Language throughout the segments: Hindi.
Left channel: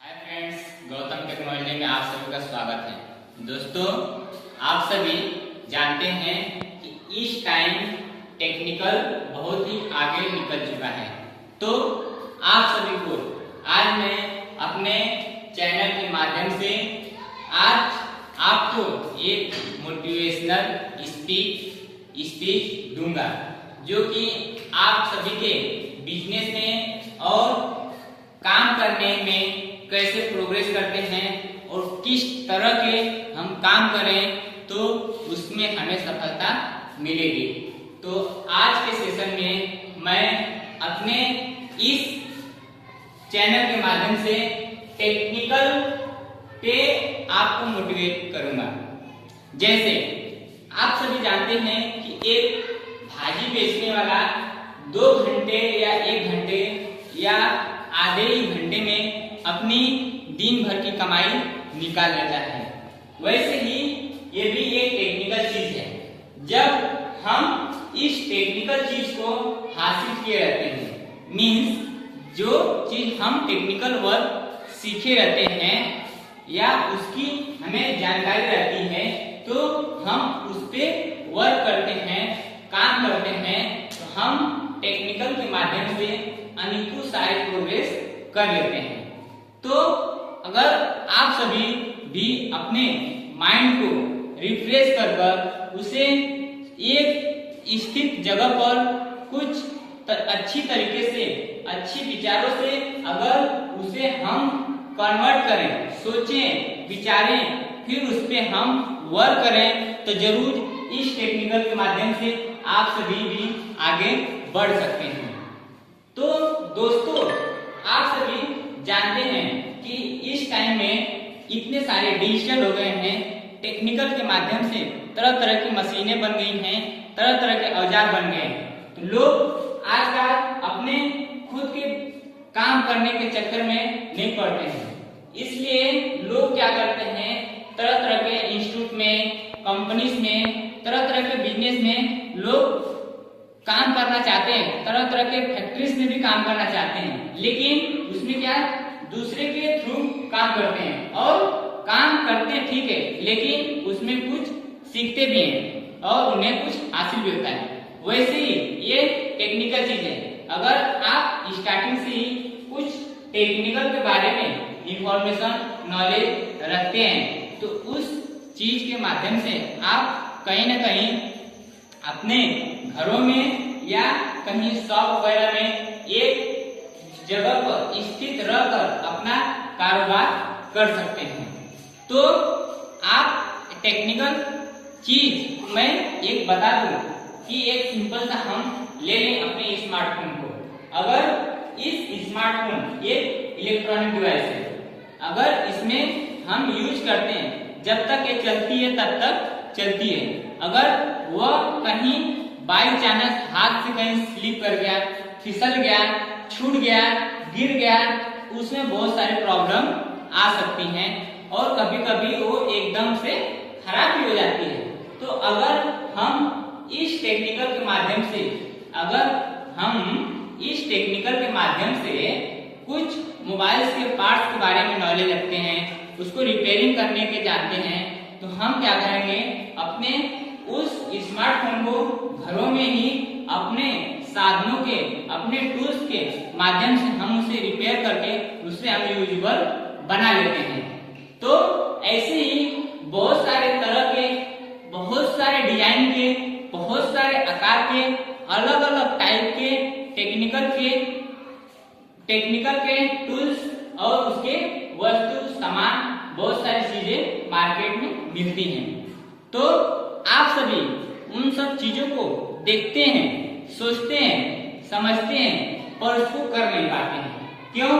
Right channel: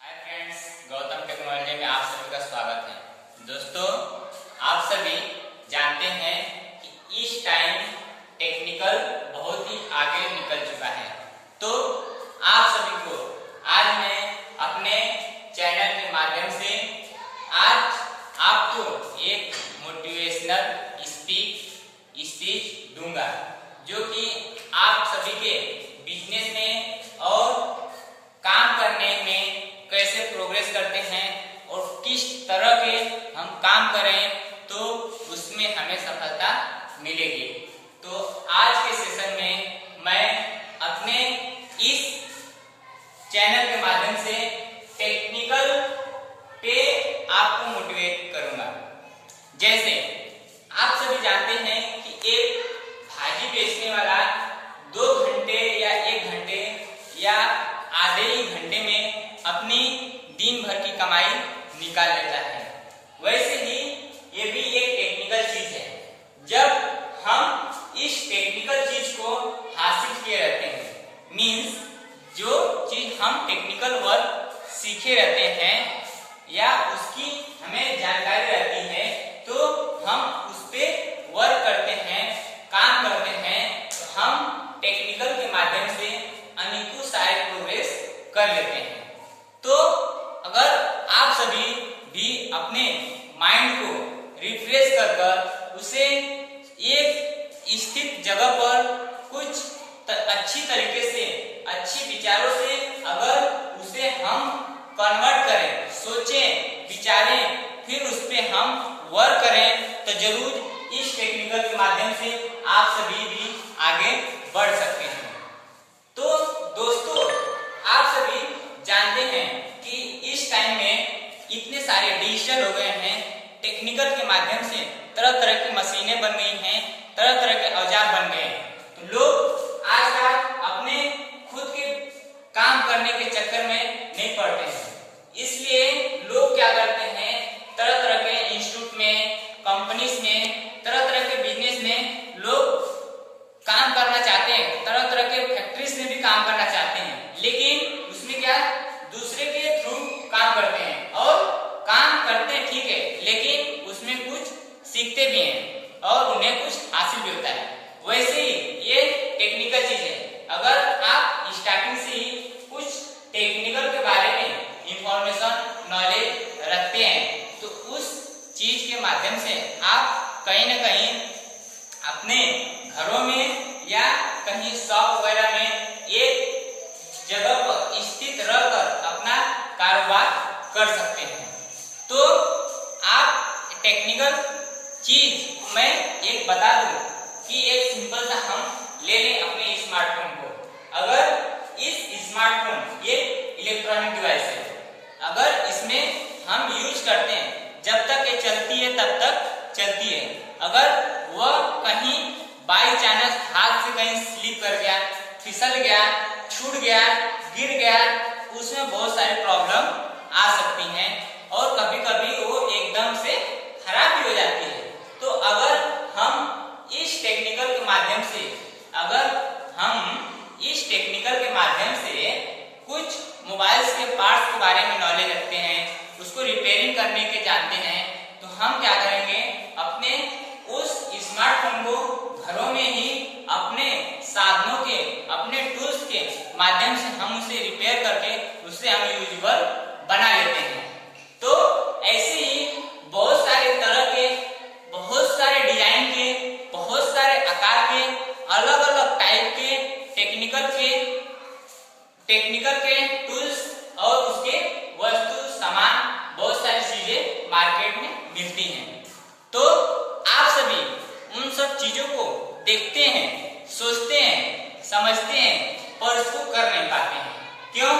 हाय फ्रेंड्स, गौतम टेक्नोलॉजी में आप सभी का स्वागत है। दोस्तों, आप सभी जानते हैं कि इस टाइम टेक्निकल बहुत ही आगे निकल चुका है। तो आप सभी को आज मैं अपने चैनल के माध्यम से आज आपको एक मोटिवेशनल स्पीच दूंगा, जो कि आप सभी के बिजनेस में और काम करने में कैसे प्रोग्रेस करते हैं और किस तरह के हम काम करें तो उसमें हमें सफलता मिलेगी। तो आज के सेशन में मैं अपने इस चैनल के माध्यम से टेक्निकल पे आपको मोटिवेट करूंगा। जैसे आप सभी जानते हैं कि एक भाजी बेचने वाला 2 घंटे या 1 घंटे या आधे ही घंटे में अपनी दिन भर की कमाई निकाल लेता है। वैसे ही ये भी एक टेक्निकल चीज है। जब हम इस टेक्निकल चीज को हासिल किए रहते हैं, मीन्स जो चीज हम टेक्निकल वर्क सीखे रहते हैं या उसकी हमें जानकारी रहती है, तो हम उस पे वर्क करते हैं, काम करते हैं, तो हम टेक्निकल के माध्यम से अनेकों सारे प्रोग्रेस कर लेते हैं। तो अगर आप सभी भी अपने माइंड को रिफ्रेश कर उसे एक स्थित जगह पर कुछ अच्छी तरीके से, अच्छी विचारों से अगर उसे हम कन्वर्ट करें, सोचें, विचारें, फिर उस पे हम वर्क करें, तो जरूर इस टेक्निकल के माध्यम से आप सभी भी आगे बढ़ सकते हैं। तो दोस्तों, आप सभी जानते हैं कि इस टाइम में इतने सारे डिजिटल हो गए हैं, टेक्निकल के माध्यम से तरह तरह की मशीनें बन गई हैं, तरह तरह के औजार बन गए हैं। तो लोग आजकल अपने खुद के काम करने के चक्कर में नहीं पड़ते हैं, इसलिए लोग क्या करते हैं, तरह तरह के इंस्टीट्यूट में, कंपनीज में, तरह तरह के बिजनेस में लोग काम करना चाहते हैं, तरह तरह के फैक्ट्रीज में भी काम करना चाहते हैं, लेकिन उसमें क्या दूसरे के थ्रू काम करते हैं और काम करते हैं, ठीक है, लेकिन उसमें कुछ सीखते भी हैं और उन्हें कुछ हासिल भी होता है। वैसे ही ये टेक्निकल चीज है। अगर आप स्टार्टिंग से ही कुछ टेक्निकल के बारे में इंफॉर्मेशन, नॉलेज रखते हैं, तो उस चीज के माध्यम से आप कहीं ना कहीं अपने घरों में या कहीं शॉप वगैरह में एक जगह पर स्थित रहकर अपना कारोबार कर सकते हैं। तो आप टेक्निकल चीज मैं एक बता दूं कि एक सिंपल सा हम ले लें अपने स्मार्टफोन को। अगर इस स्मार्टफोन एक इलेक्ट्रॉनिक डिवाइस है, अगर इसमें हम यूज करते हैं, जब तक ये चलती है तब तक चलती है। अगर वह कहीं बाई चांस हाथ से कहीं स्लिप कर गया, फिसल गया, छूट गया, गिर गया, उसमें बहुत सारी प्रॉब्लम आ सकती हैं और कभी कभी वो एकदम से खराब भी हो जाती है। तो अगर हम इस टेक्निकल के माध्यम से कुछ मोबाइल्स के पार्ट्स के बारे में नॉलेज रखते हैं, उसको रिपेयरिंग करने के जानते हैं, तो हम क्या करेंगे, अपने उस स्मार्टफोन को घरों में ही अपने साधनों के, अपने टूल्स के माध्यम से हम उसे रिपेयर करके उसे हम यूजेबल बना लेते हैं। तो ऐसे ही बहुत सारे तरह के, बहुत सारे डिजाइन के, बहुत सारे आकार के, अलग अलग टाइप के टेक्निकल के टूल्स और उसके वस्तु, सामान, बहुत सारी चीजें मार्केट में मिलती हैं। तो आप सभी उन सब चीजों को देखते हैं, सोचते हैं, समझते हैं, पर उसको कर नहीं पाते हैं। क्यों?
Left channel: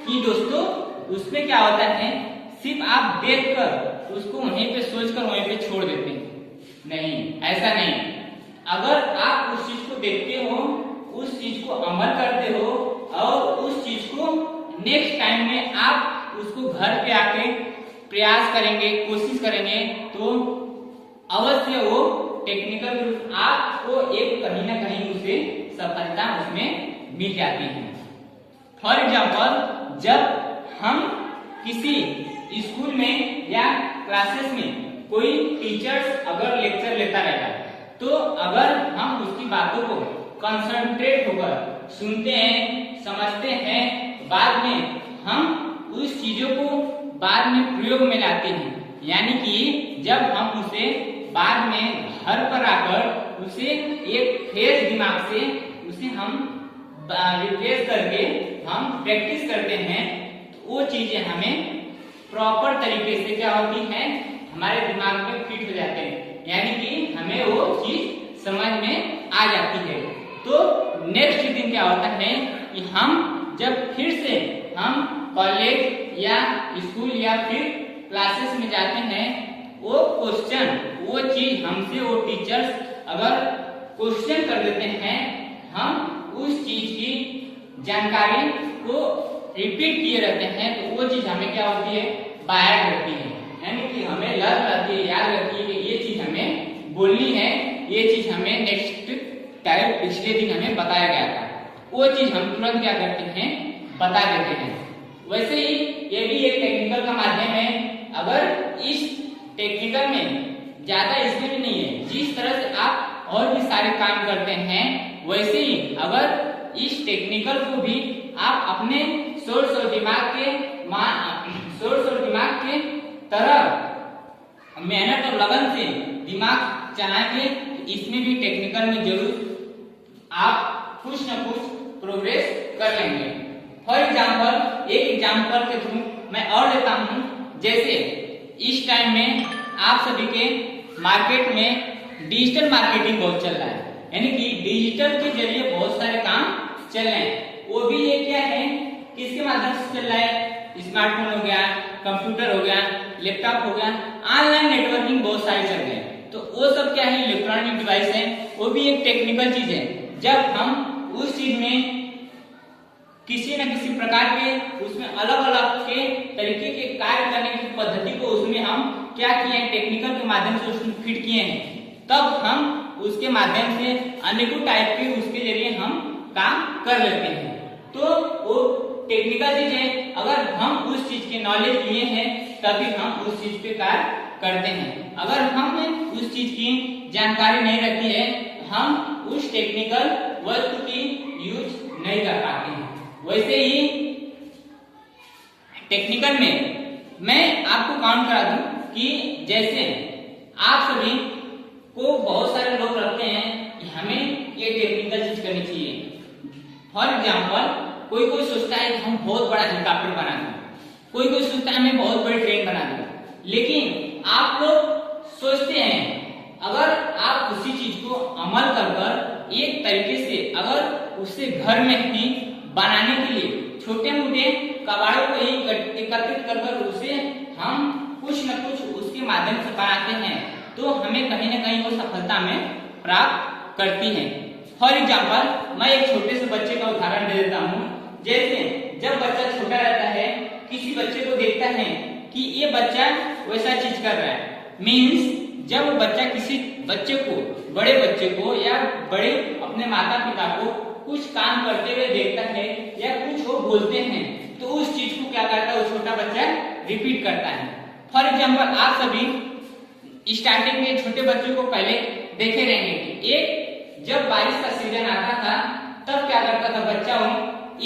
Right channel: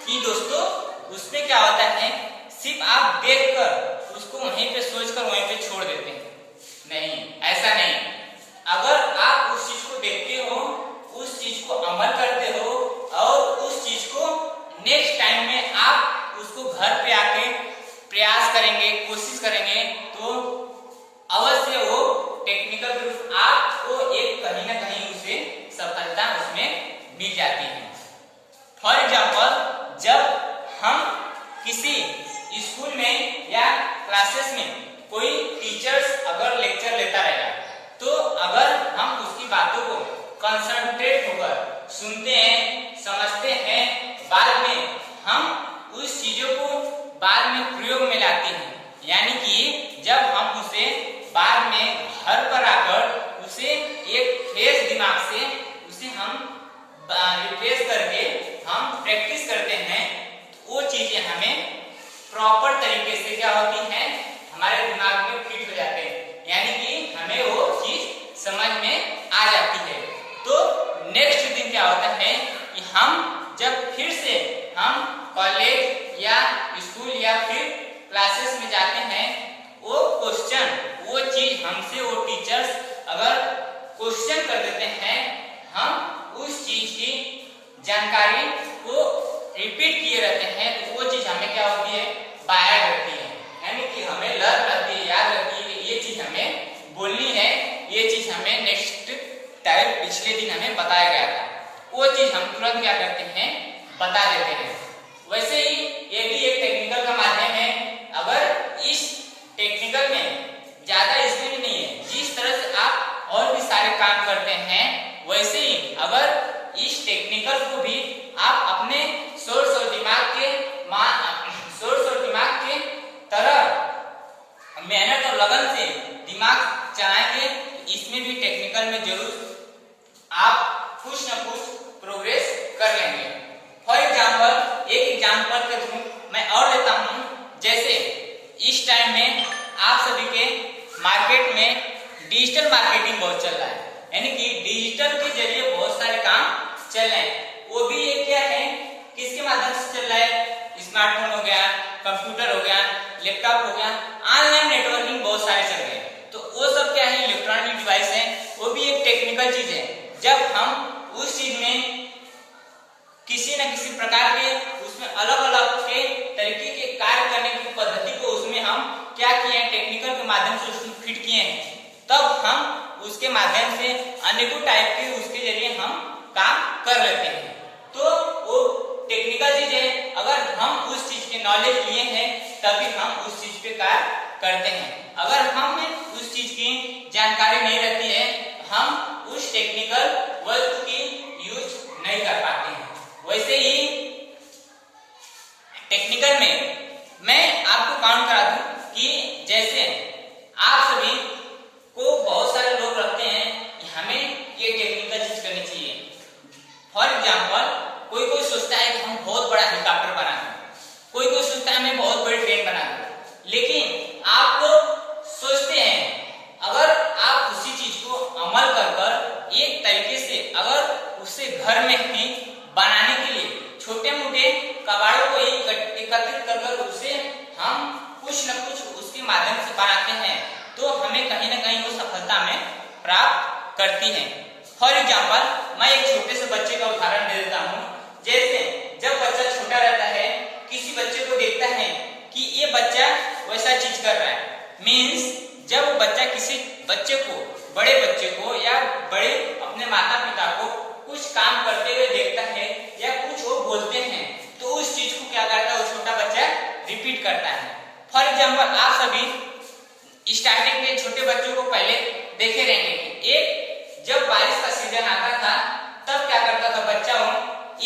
कि दोस्तों, उसमें क्या होता है, सिर्फ आप देखकर उसको वहीं पे सोचकर वहीं पे छोड़ देते हैं। नहीं, ऐसा नहीं। अगर आप उस चीज को देखते हो, उस चीज को अमल करते हो और उस चीज को नेक्स्ट टाइम में आप उसको घर पे आके प्रयास करेंगे, कोशिश करेंगे, तो अवश्य वो टेक्निकल आपको एक कहीं ना कहीं उसे सफलता उसमें मिल जाती है। फॉर एग्जाम्पल, जब हम किसी स्कूल में या क्लासेस में कोई टीचर्स अगर लेक्चर लेता रहेगा तो अगर हम उसकी बातों को कंसंट्रेट होकर सुनते हैं, समझते हैं, बाद में हम उस चीजों को बाद में प्रयोग में लाते हैं, यानी कि जब हम उसे बाद में घर पर आकर उसे एक फ्रेश दिमाग से उसे हम रिफ्रेश करके हम प्रैक्टिस करते हैं, तो वो चीजें हमें प्रॉपर तरीके से क्या होती हैं, हमारे दिमाग में फिट हो जाते हैं, यानी कि हमें वो चीज समझ में आ जाती है। तो नेक्स्ट दिन क्या होता है कि हम जब फिर से हम कॉलेज या स्कूल या फिर क्लासेस में जाते हैं, वो क्वेश्चन, वो चीज हमसे वो टीचर्स अगर क्वेश्चन कर देते हैं, हम उस चीज की जानकारी को रिपीट किए रहते हैं, तो वो चीज हमें क्या होती है, बाहर रहती है, यानी कि हमें लर्न रहती है, याद रहती है कि ये चीज हमें बोलनी है, ये चीज हमें नेक्स्ट टाइम पिछले दिन हमें बताया गया था, वो चीज हम तुरंत क्या करते हैं, बता देते हैं। वैसे ही ये भी एक टेक्निकल का माध्यम है। अगर इस टेक्निकल में ज्यादा इसमें भी नहीं है, जिस तरह से आप और भी सारे काम करते हैं, वैसे ही अगर इस टेक्निकल को भी आप अपने सोर्स और दिमाग के तरह मेहनत और लगन से दिमाग चलाएंगे, इसमें भी टेक्निकल में जरूर आप कुछ न कुछ प्रोग्रेस कर लेंगे। फॉर एग्जाम्पल, एक एग्जाम्पल के थ्रू मैं और देता हूँ, जैसे इस टाइम में आप सभी के मार्केट में डिजिटल मार्केटिंग बहुत चल रहा है, यानी कि डिजिटल के जरिए बहुत सारे काम चल रहे हैं। वो भी ये क्या है, किसके माध्यम से चल रहा है, स्मार्टफोन हो गया, कंप्यूटर हो गया, लैपटॉप हो गया, ऑनलाइन नेटवर्किंग बहुत सारे चल रहे हैं। तो वो सब क्या है, इलेक्ट्रॉनिक डिवाइस है, वो भी एक टेक्निकल चीज है। जब हम उस चीज में किसी न किसी प्रकार के उसमें अलग अलग के तरीके के कार्य करने की पद्धति को उसमें हम क्या किए हैं, टेक्निकल के माध्यम से उसमें फिट किए हैं, तब हम उसके माध्यम से अनेकों टाइप के उसके जरिए हम काम कर लेते हैं। तो वो टेक्निकल चीज है, अगर हम उस चीज के नॉलेज लिए हैं तभी हम उस चीज पे कार्य करते हैं। अगर हमें उस चीज की जानकारी नहीं रहती है, हम उस टेक्निकल वस्तु की यूज नहीं कर पाते हैं। वैसे ही टेक्निकल में मैं आपको काउंट करा दूं कि जैसे आप सभी को बहुत सारे लोग रखते हैं कि हमें ये टेक्निकल चीज करनी चाहिए। फॉर एग्जाम्पल, कोई कोई सोचता है कि हम बहुत बड़ा हेलीकॉप्टर बना दें, कोई कोई सोचता है हमें बहुत बड़ी ट्रेन बना दें, लेकिन आप लोग सोचते हैं अगर आप उसी चीज को अमल कर एक तरीके से अगर उसे घर में ही बनाने के लिए छोटे मोटे कबाड़ों को ही एकत्रित कर उसे हम कुछ न कुछ उसके माध्यम से बनाते हैं, तो हमें कहीं ना कहीं वो सफलता में प्राप्त करती है। फॉर एग्जाम्पल, मैं एक छोटे से बच्चे का उदाहरण दे देता हूँ। जैसे जब बच्चा छोटा रहता है, किसी बच्चे को देखता है कि ये बच्चा वैसा चीज कर रहा है, मीन्स जब बच्चा किसी बच्चे को, बड़े बच्चे को या बड़े अपने माता पिता को कुछ काम करते हुए देखता है या कुछ वो बोलते हैं, तो उस चीज को क्या करता है, वो छोटा बच्चा रिपीट करता है। फॉर एग्जाम्पल, आप सभी स्टार्टिंग के छोटे बच्चों को पहले देखे रहेंगे कि एक जब बारिश का सीजन आता था तब क्या करता था बच्चा, वो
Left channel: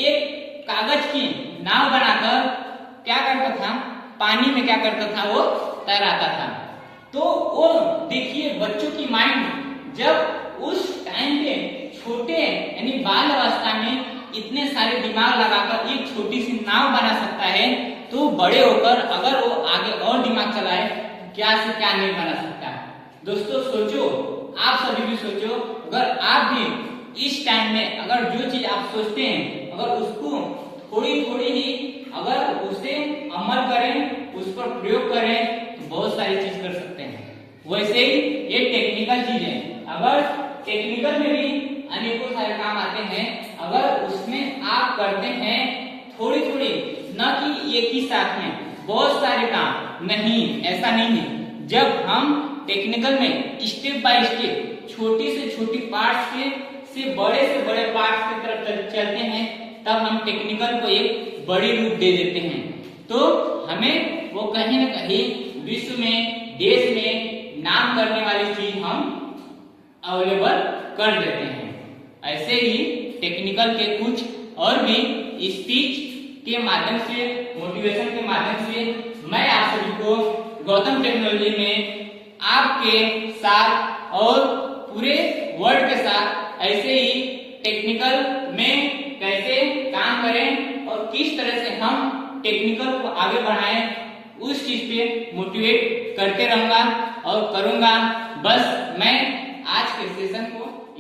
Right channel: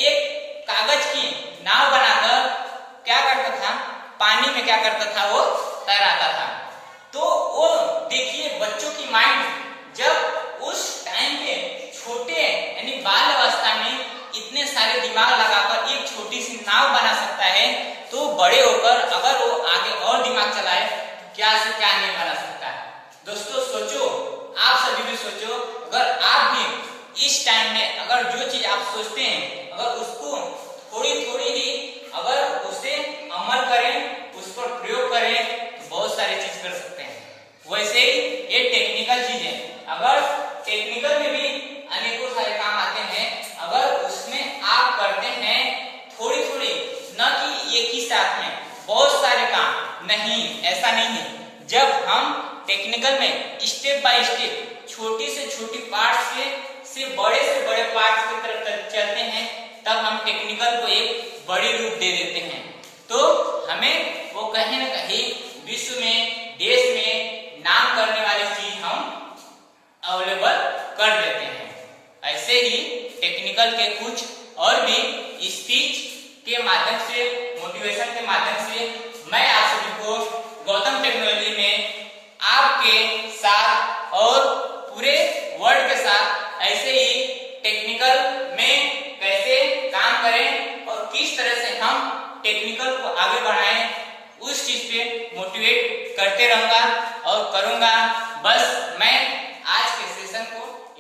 एक कागज की नाव बनाकर क्या करता था, पानी में क्या करता था, वो तैराता था। तो वो देखिए बच्चों की माइंड जब उस टाइम पे छोटे यानी बाल अवस्था में इतने सारे दिमाग लगाकर एक छोटी सी नाव बना सकता है, तो बड़े होकर अगर वो आगे और दिमाग चलाए तो क्या से क्या नहीं बना सकता है। दोस्तों सोचो, आप सभी भी सोचो, अगर आप भी इस टाइम में अगर जो चीज आप सोचते हैं अगर उसको थोड़ी थोड़ी ही अगर उसे अमल करें, उस पर प्रयोग करें, तो बहुत सारी चीज कर सकते हैं। वैसे ही ये टेक्निकल चीज है, अगर टेक्निकल में भी अनेकों सारे काम आते हैं, अगर उसमें आप करते हैं थोड़ी थोड़ी, न कि एक ही साथ में बहुत सारे काम, नहीं, ऐसा नहीं है। जब हम टेक्निकल में स्टेप बाय स्टेप छोटी से छोटी पार्ट से बड़े पार्ट की तरफ चलते हैं, तब हम टेक्निकल को एक बड़ी रूप दे देते हैं। तो हमें वो कहीं ना कहीं विश्व में, देश में नाम करने वाली चीज हम अवेलेबल कर लेते हैं। ऐसे ही टेक्निकल के कुछ और भी स्पीच के माध्यम से, मोटिवेशन के माध्यम से मैं आप सभी को गौतम टेक्नोलॉजी में आपके साथ और पूरे वर्ल्ड के साथ ऐसे ही टेक्निकल में कैसे काम करें और किस तरह से हम टेक्निकल को आगे बढ़ाएं, उस चीज पे मोटिवेट करते रहूंगा और करूंगा। बस मैं आज के सेशन को